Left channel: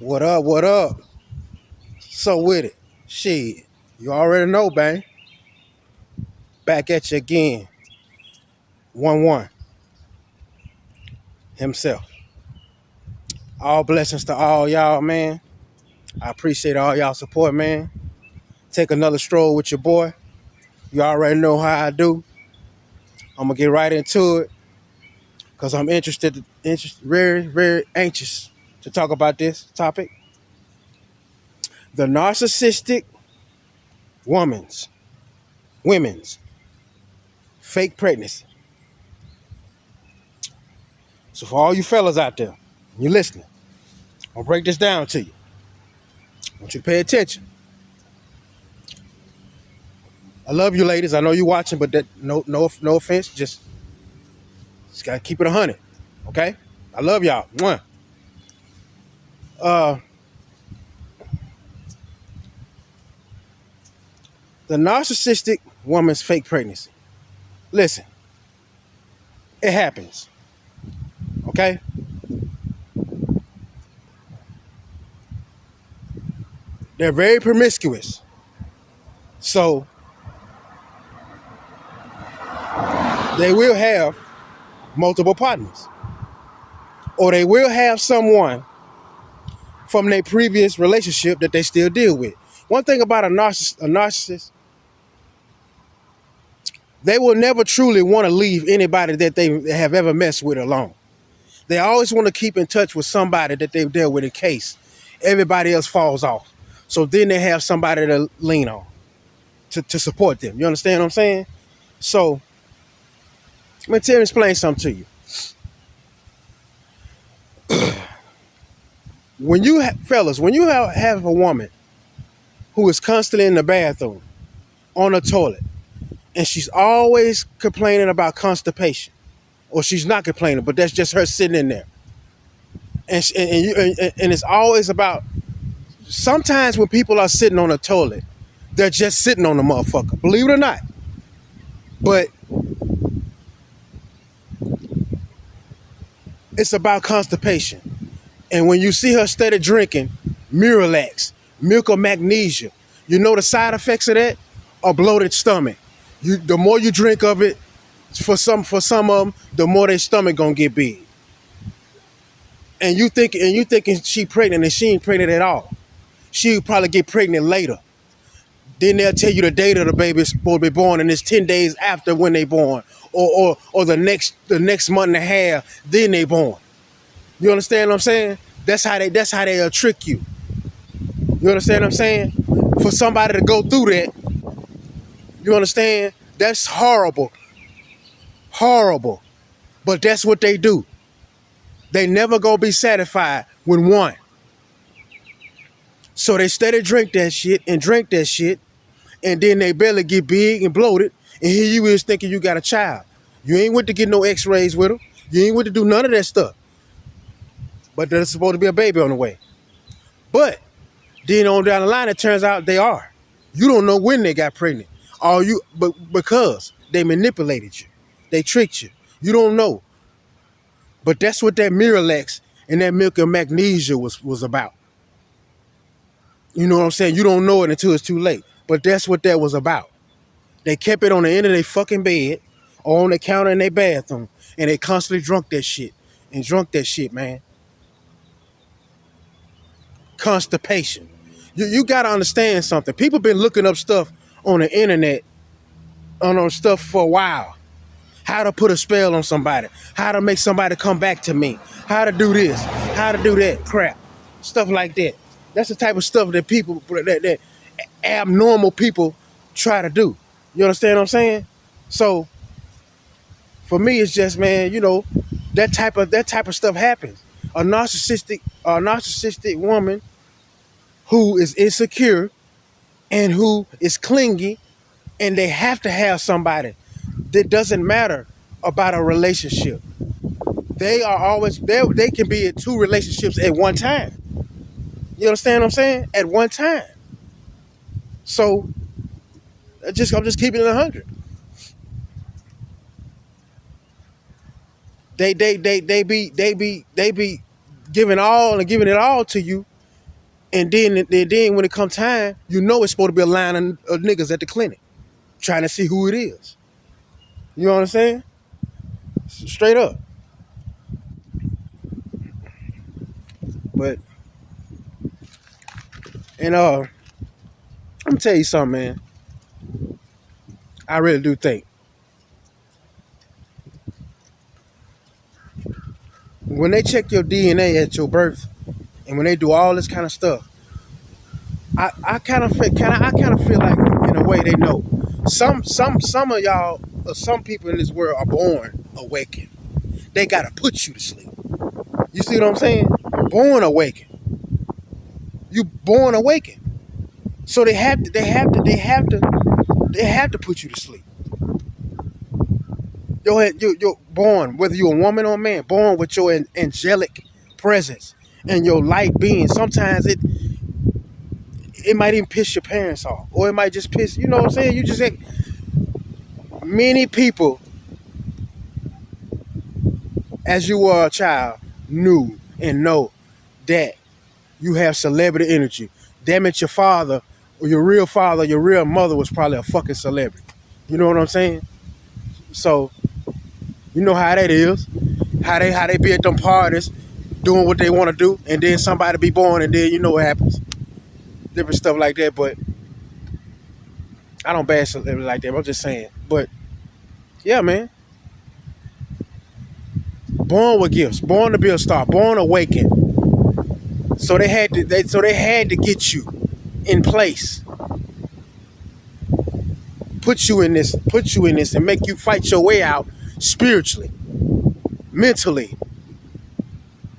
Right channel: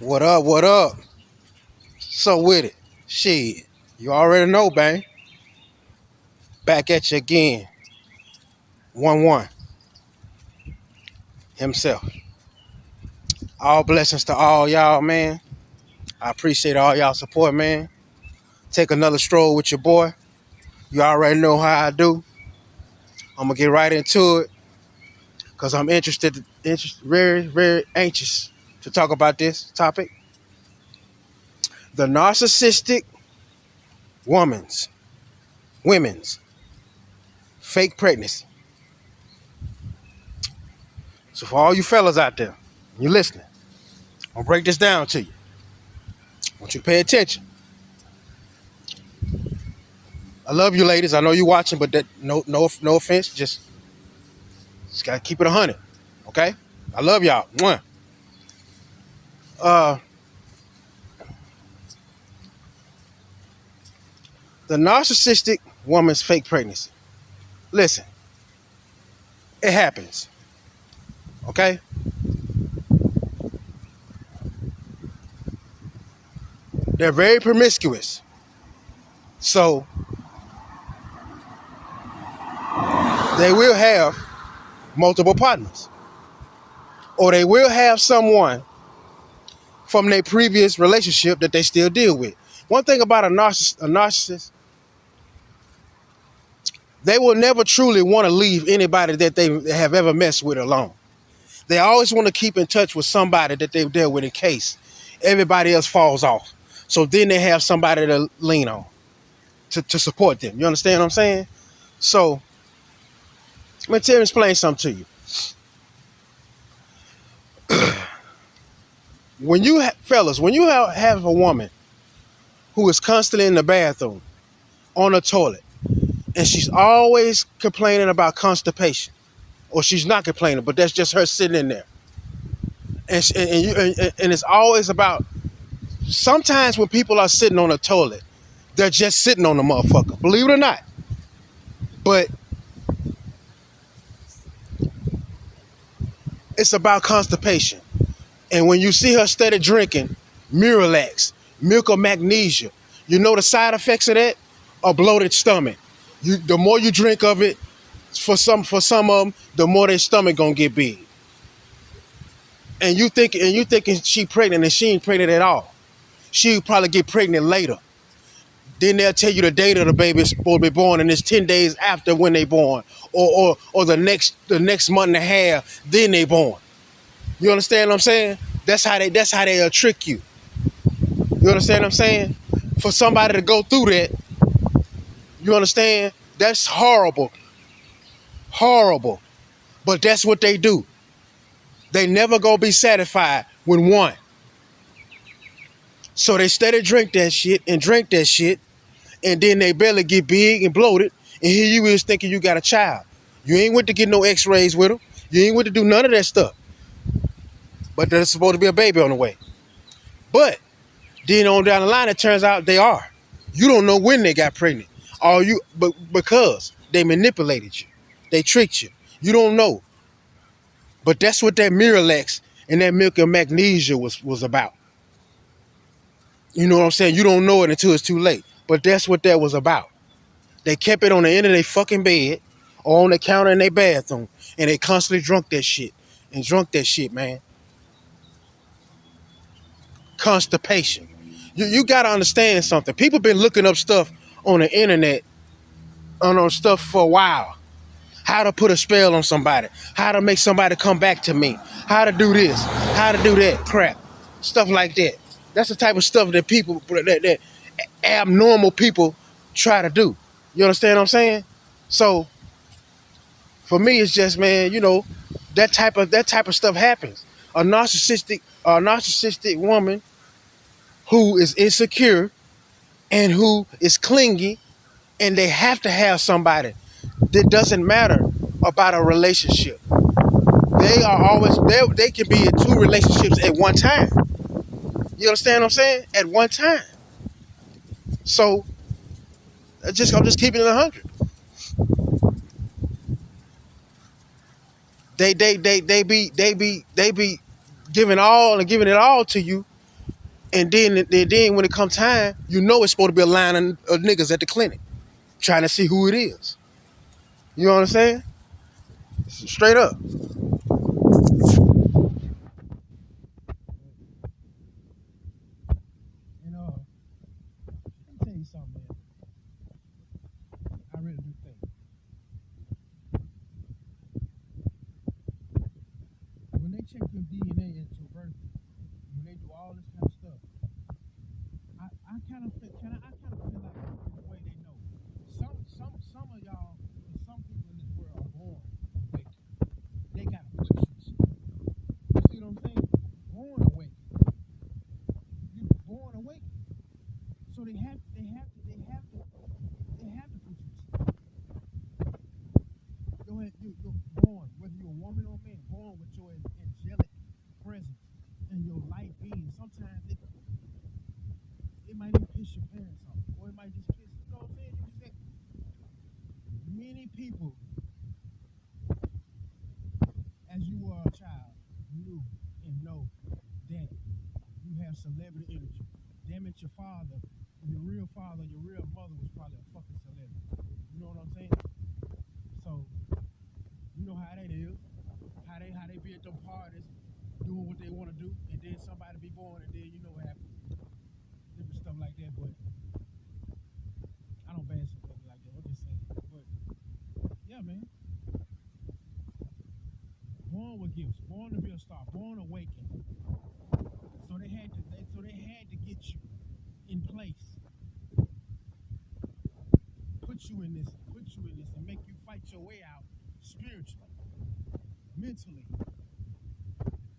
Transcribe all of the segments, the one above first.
What up? What up? So with it. Shit. You already know, bang. Back at you again. 1-1. Himself. All blessings to all y'all, man. I appreciate all y'all support, man. Take another stroll with your boy. You already know how I do. I'm gonna get right into it because I'm very, very anxious to talk about this topic. The narcissistic women's fake pregnancy. So for all you fellas out there, you listening, I'll break this down to you. I want you to pay attention. I love you ladies. I know you watching, but that no offense. Just gotta keep it 100. Okay? I love y'all. Mwah. Uh the narcissistic woman's fake pregnancy. Listen, it happens. Okay? They're very promiscuous. So they will have multiple partners. Or they will have someone from their previous relationship that they still deal with. One thing about a narcissist, they will never truly want to leave anybody that they have ever messed with alone. They always want to keep in touch with somebody that they've dealt with in case everybody else falls off. So then they have somebody to lean on to support them. You understand what I'm saying? So let me explain something to you. When you fellas, when you have a woman who is constantly in the bathroom, on the toilet, and she's always complaining about constipation, or she's not complaining, but that's just her sitting in there, and it's always about. Sometimes when people are sitting on the toilet, they're just sitting on the motherfucker. Believe it or not, but it's about constipation. And when you see her steady drinking Miralax, milk of magnesia, you know the side effects of that? A bloated stomach. The more you drink of it, for some of them, the more their stomach gonna get big. And you thinking she pregnant and she ain't pregnant at all. She'll probably get pregnant later. Then they'll tell you the date of the baby is supposed to be born, and it's 10 days after when they born, or the next month and a half, then they born. You understand what I'm saying? That's how they'll trick you. You understand what I'm saying? For somebody to go through that, you understand? That's horrible. Horrible. But that's what they do. They never gonna be satisfied with one. So they steady drink that shit, and then they belly get big and bloated, and here you is thinking you got a child. You ain't went to get no x-rays with them. You ain't went to do none of that stuff. But there's supposed to be a baby on the way. But then on down the line, it turns out they are. You don't know when they got pregnant. But because they manipulated you. They tricked you. You don't know. But that's what that Miralax and that milk of magnesia was about. You know what I'm saying? You don't know it until it's too late. But that's what that was about. They kept it on the end of their fucking bed or on the counter in their bathroom, and they constantly drunk that shit, man. Constipation. You got to understand something. People been looking up stuff on the internet, on stuff for a while. How to put a spell on somebody. How to make somebody come back to me. How to do this. How to do that crap. Stuff like that. That's the type of stuff that that abnormal people try to do. You understand what I'm saying? So for me, it's just, man, that type of stuff happens. A narcissistic woman who is insecure and who is clingy, and they have to have somebody. That doesn't matter about a relationship. They can be in two relationships at one time. You understand what I'm saying? At one time. So I'm just keeping it 100. They be giving it all to you, And then when it comes time, you know it's supposed to be a line of niggas at the clinic trying to see who it is. You know what I'm saying? Straight up. But and I'm gonna tell you something, man. I really do think when they check your DNA at your birth, and when they do all this kind of stuff, I kind of feel like in a way they know. Some of y'all, or some people in this world are born awakened. They gotta put you to sleep. You see what I'm saying? Born awakened. You born awakened. So they have to put you to sleep. You're born, whether you're a woman or a man, born with your angelic presence and your light being. Sometimes it might even piss your parents off, or it might just piss. You know what I'm saying? You just many people, as you were a child, knew and know that you have celebrity energy. Damn it, your father, or your real mother was probably a fucking celebrity. You know what I'm saying? So you know how that is. How they be at them parties doing what they want to do, and then somebody be born, and then you know what happens. Different stuff like that, but I don't bash celebrity like that. I'm just saying. But yeah, man. Born with gifts, born to be a star, born awakened. So they had to get you in place. Put you in this, and make you fight your way out spiritually, mentally.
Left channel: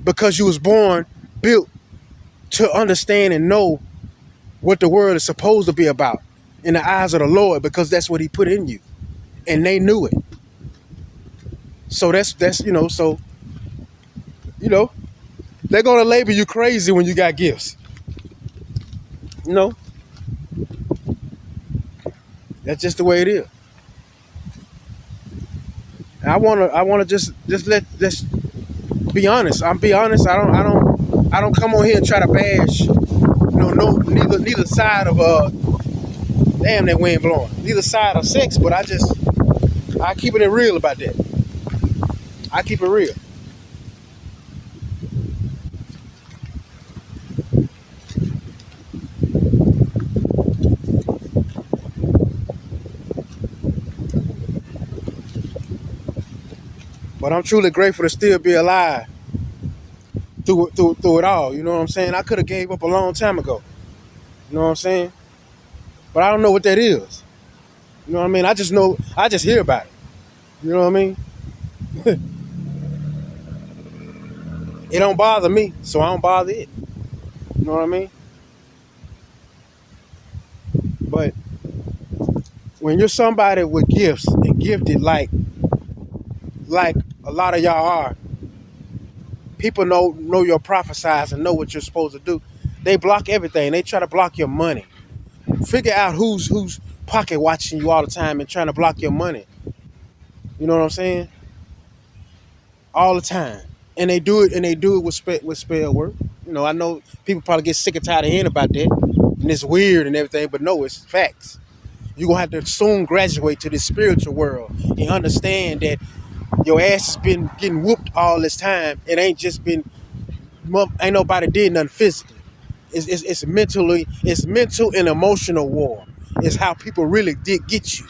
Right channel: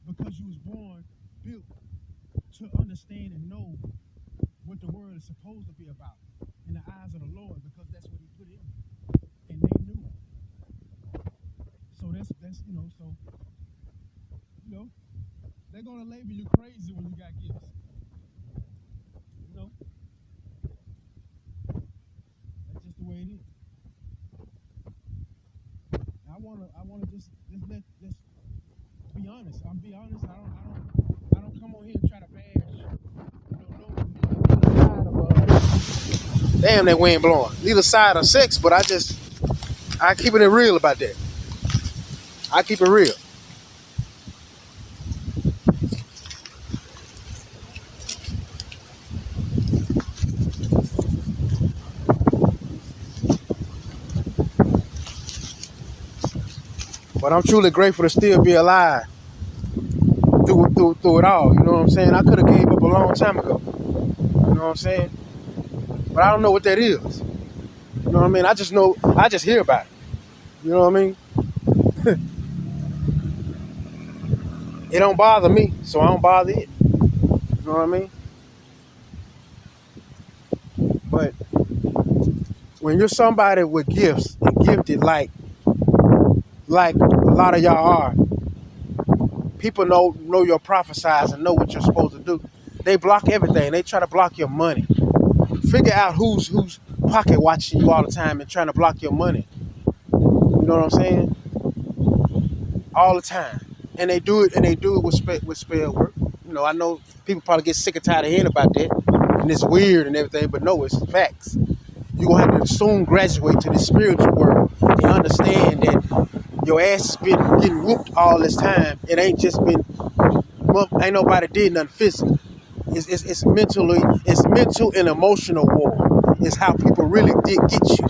Because you was born, built to understand and know what the world is supposed to be about in the eyes of the Lord, because that's what he put in you. And they knew it. So that's they're gonna label you crazy when you got gifts. You know? That's just the way it is. And I wanna just be honest. Be honest. I don't come on here and try to bash, neither side of damn that wind blowing. Neither side of sex, but I keep it real about that. I keep it real. But I'm truly grateful to still be alive through it all. You know what I'm saying? I could have gave up a long time ago. You know what I'm saying? But I don't know what that is. You know what I mean? I just hear about it. You know what I mean? It don't bother me, so I don't bother it. You know what I mean? But when you're somebody with gifts and gifted like a lot of y'all are, people know your prophesize and know what you're supposed to do. They block everything. They try to block your money. Figure out who's pocket watching you all the time and trying to block your money. You know what I'm saying? All the time. And they do it with spell work. You know, I know people probably get sick and tired of hearing about that. And it's weird and everything, but no, it's facts. You're going to have to soon graduate to the spiritual world and understand that your ass has been getting whooped all this time. It ain't just been, ain't nobody did nothing physical. It's mental and emotional war. It's how people really did get you.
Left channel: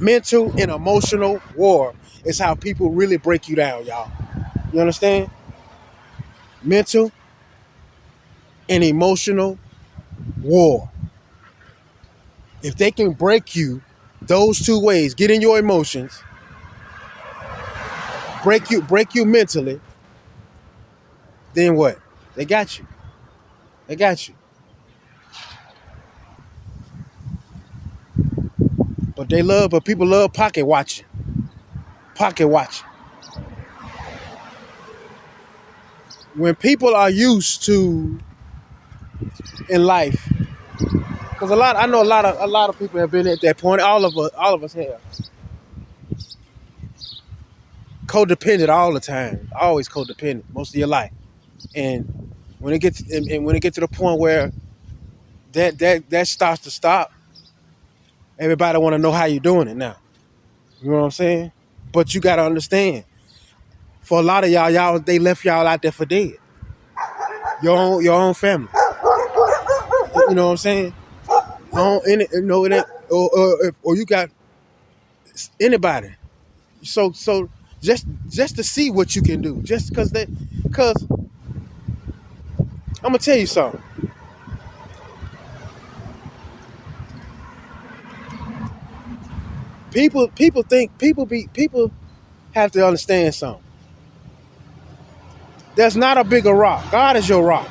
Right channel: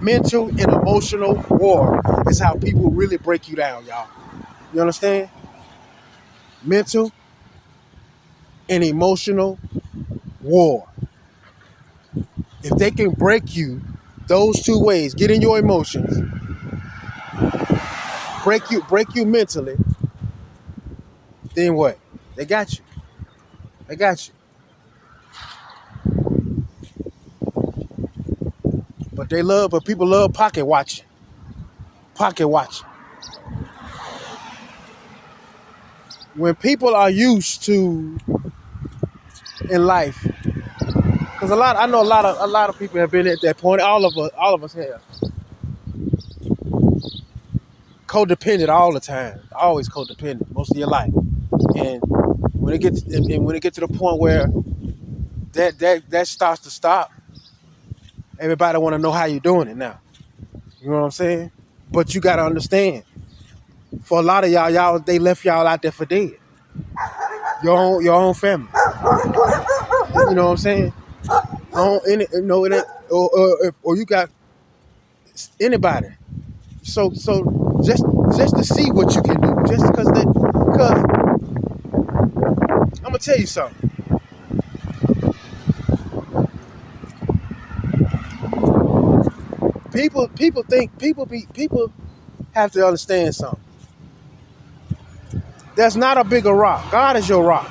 Mental and emotional war is how people really break you down, y'all. You understand? Mental and emotional war. If they can break you those two ways, get in your emotions, break you mentally, then what? They got you. They got you. But people love pocket watching. Pocket watching. When people are used to in life, because I know a lot of people have been at that point. All of us have. Codependent all the time. Always codependent most of your life. And When it gets and when it gets to the point where that starts to stop, everybody want to know how you're doing it now. You know what I'm saying? But you got to understand, for a lot of y'all they left y'all out there for dead. Your own family. You know what I'm saying? It ain't, or you got anybody. So just to see what you can do, just because I'm gonna tell you something. People have to understand something. There's not a bigger rock. God is your rock.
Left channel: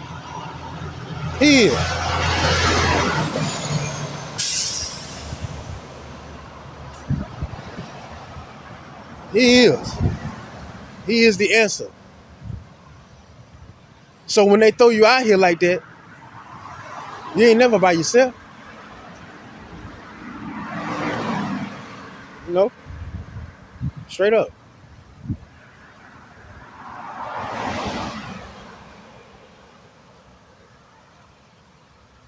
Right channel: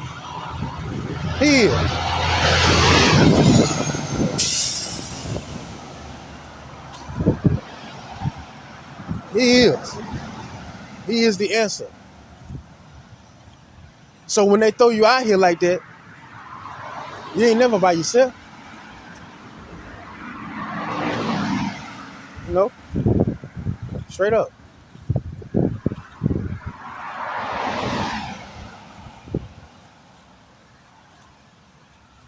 He is. He is. He is the answer. So when they throw you out here like that, you ain't never by yourself. You know, straight up.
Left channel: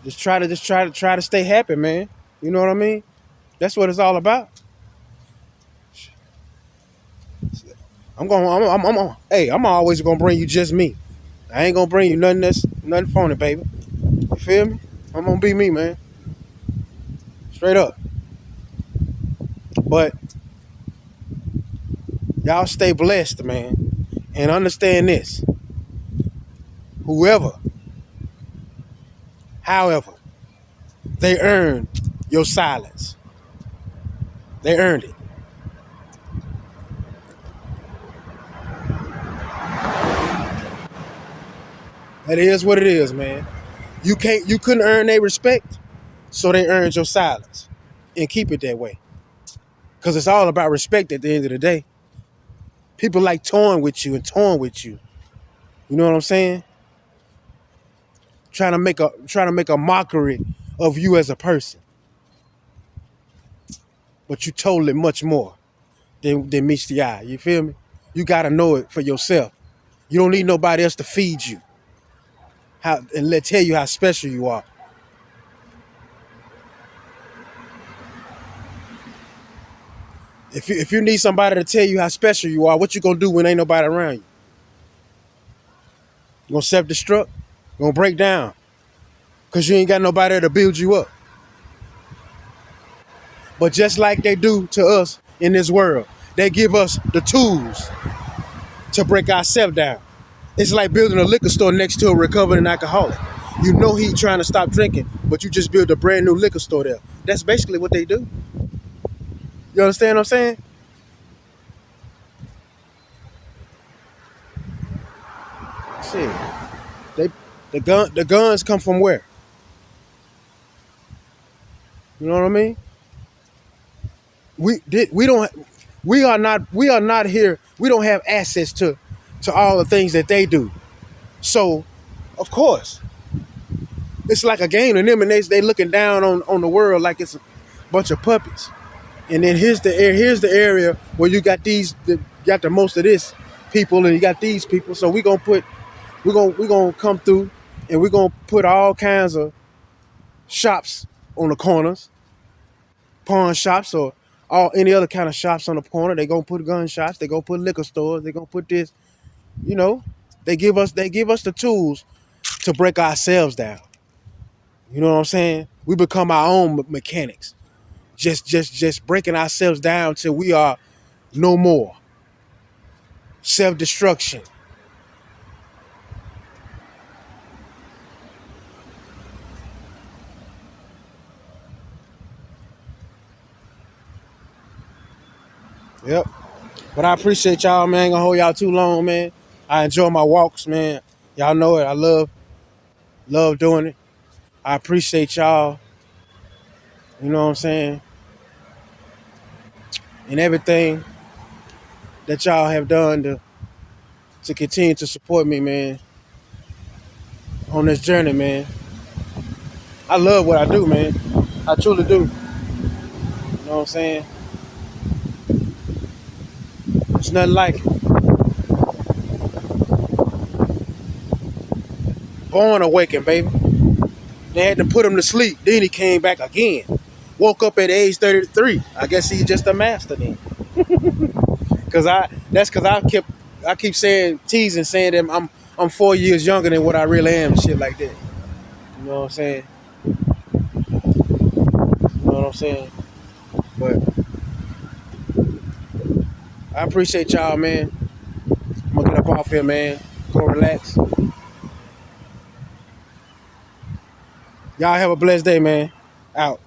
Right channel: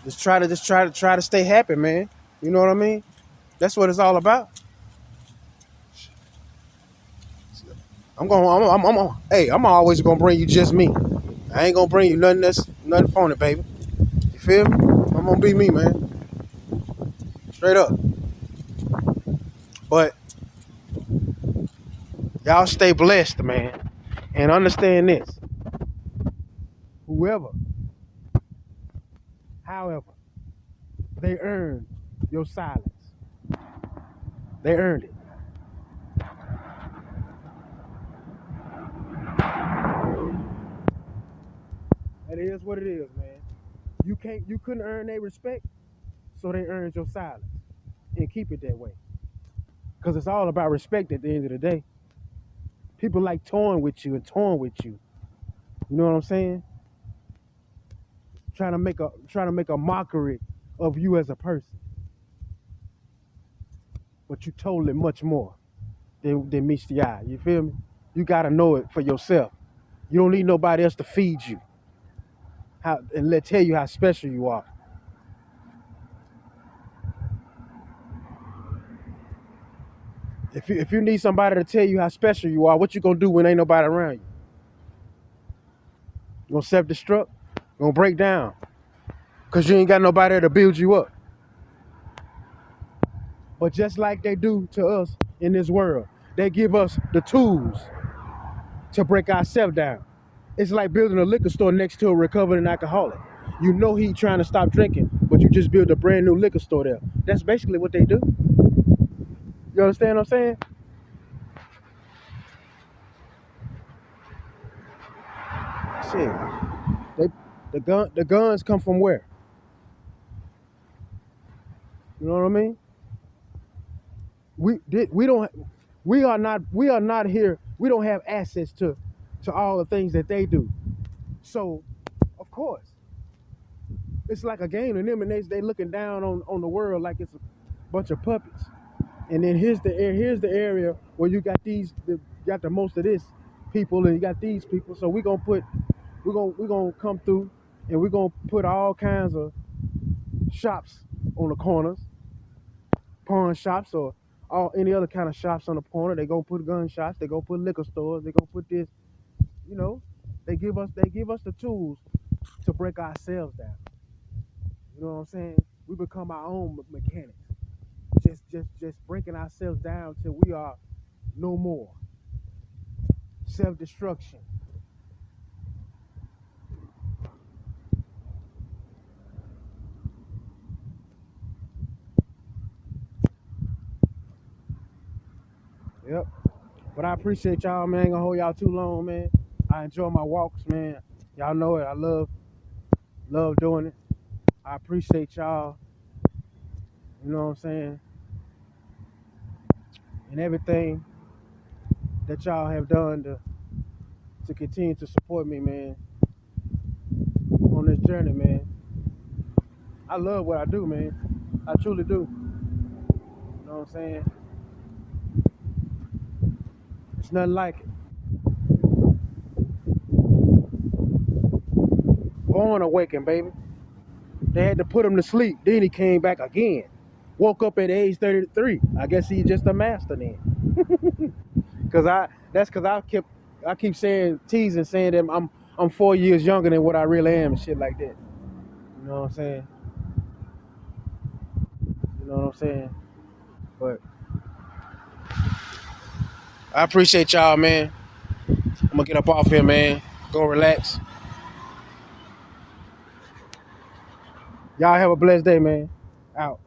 Just try to stay happy, man. You know what I mean? That's what it's all about. I'm always gonna bring you just me. I ain't gonna bring you nothing phony, baby. You feel me? I'm gonna be me, man. Straight up. But y'all stay blessed, man. And understand this. Whoever, however, they earned your silence. They earned it. That is what it is, man. You couldn't earn their respect, so they earned your silence. And keep it that way. Because it's all about respect at the end of the day. People like toying with you and toying with you. You know what I'm saying? Trying to make a mockery of you as a person. But you totally much more than meets the eye. You feel me? You gotta know it for yourself. You don't need nobody else to feed you. Tell you how special you are. If you need somebody to tell you how special you are, what you gonna do when ain't nobody around you? You gonna self-destruct? You gonna break down? Cause you ain't got nobody to build you up. But just like they do to us in this world, they give us the tools to break ourselves down. It's like building a liquor store next to a recovering alcoholic. You know he trying to stop drinking, but you just build a brand new liquor store there. That's basically what they do. You understand what I'm saying? See, the guns come from where? You know what I mean? We are not here. We don't have access to all the things that they do. So, of course, it's like a game to them, and they looking down on the world like it's a bunch of puppies. And then here's the area where you got got the most of this people, and you got these people. So we gonna come through, and we're gonna put all kinds of shops on the corners, pawn shops or all any other kind of shops on the corner. They gonna put gun shops. They gonna put liquor stores. They gonna put this. You know, they give us the tools to break ourselves down. You know what I'm saying? We become our own mechanics. Just breaking ourselves down till we are no more. Self-destruction. Yep. But I appreciate y'all, man. I ain't gonna hold y'all too long, man. I enjoy my walks, man. Y'all know it. I love doing it. I appreciate y'all. You know what I'm saying? And everything that y'all have done to continue to support me, man, on this journey, man. I love what I do, man. I truly do. You know what I'm saying? It's nothing like it. born awakened, baby. They had to put him to sleep. Then he came back again. Woke up at age 33. I guess he's just a master then. Cause I keep saying teasing saying that I'm 4 years younger than what I really am and shit like that. You know what I'm saying? You know what I'm saying? But I appreciate y'all, man. I'm gonna get up off here, man. Go relax. Y'all have a blessed day, man. Out.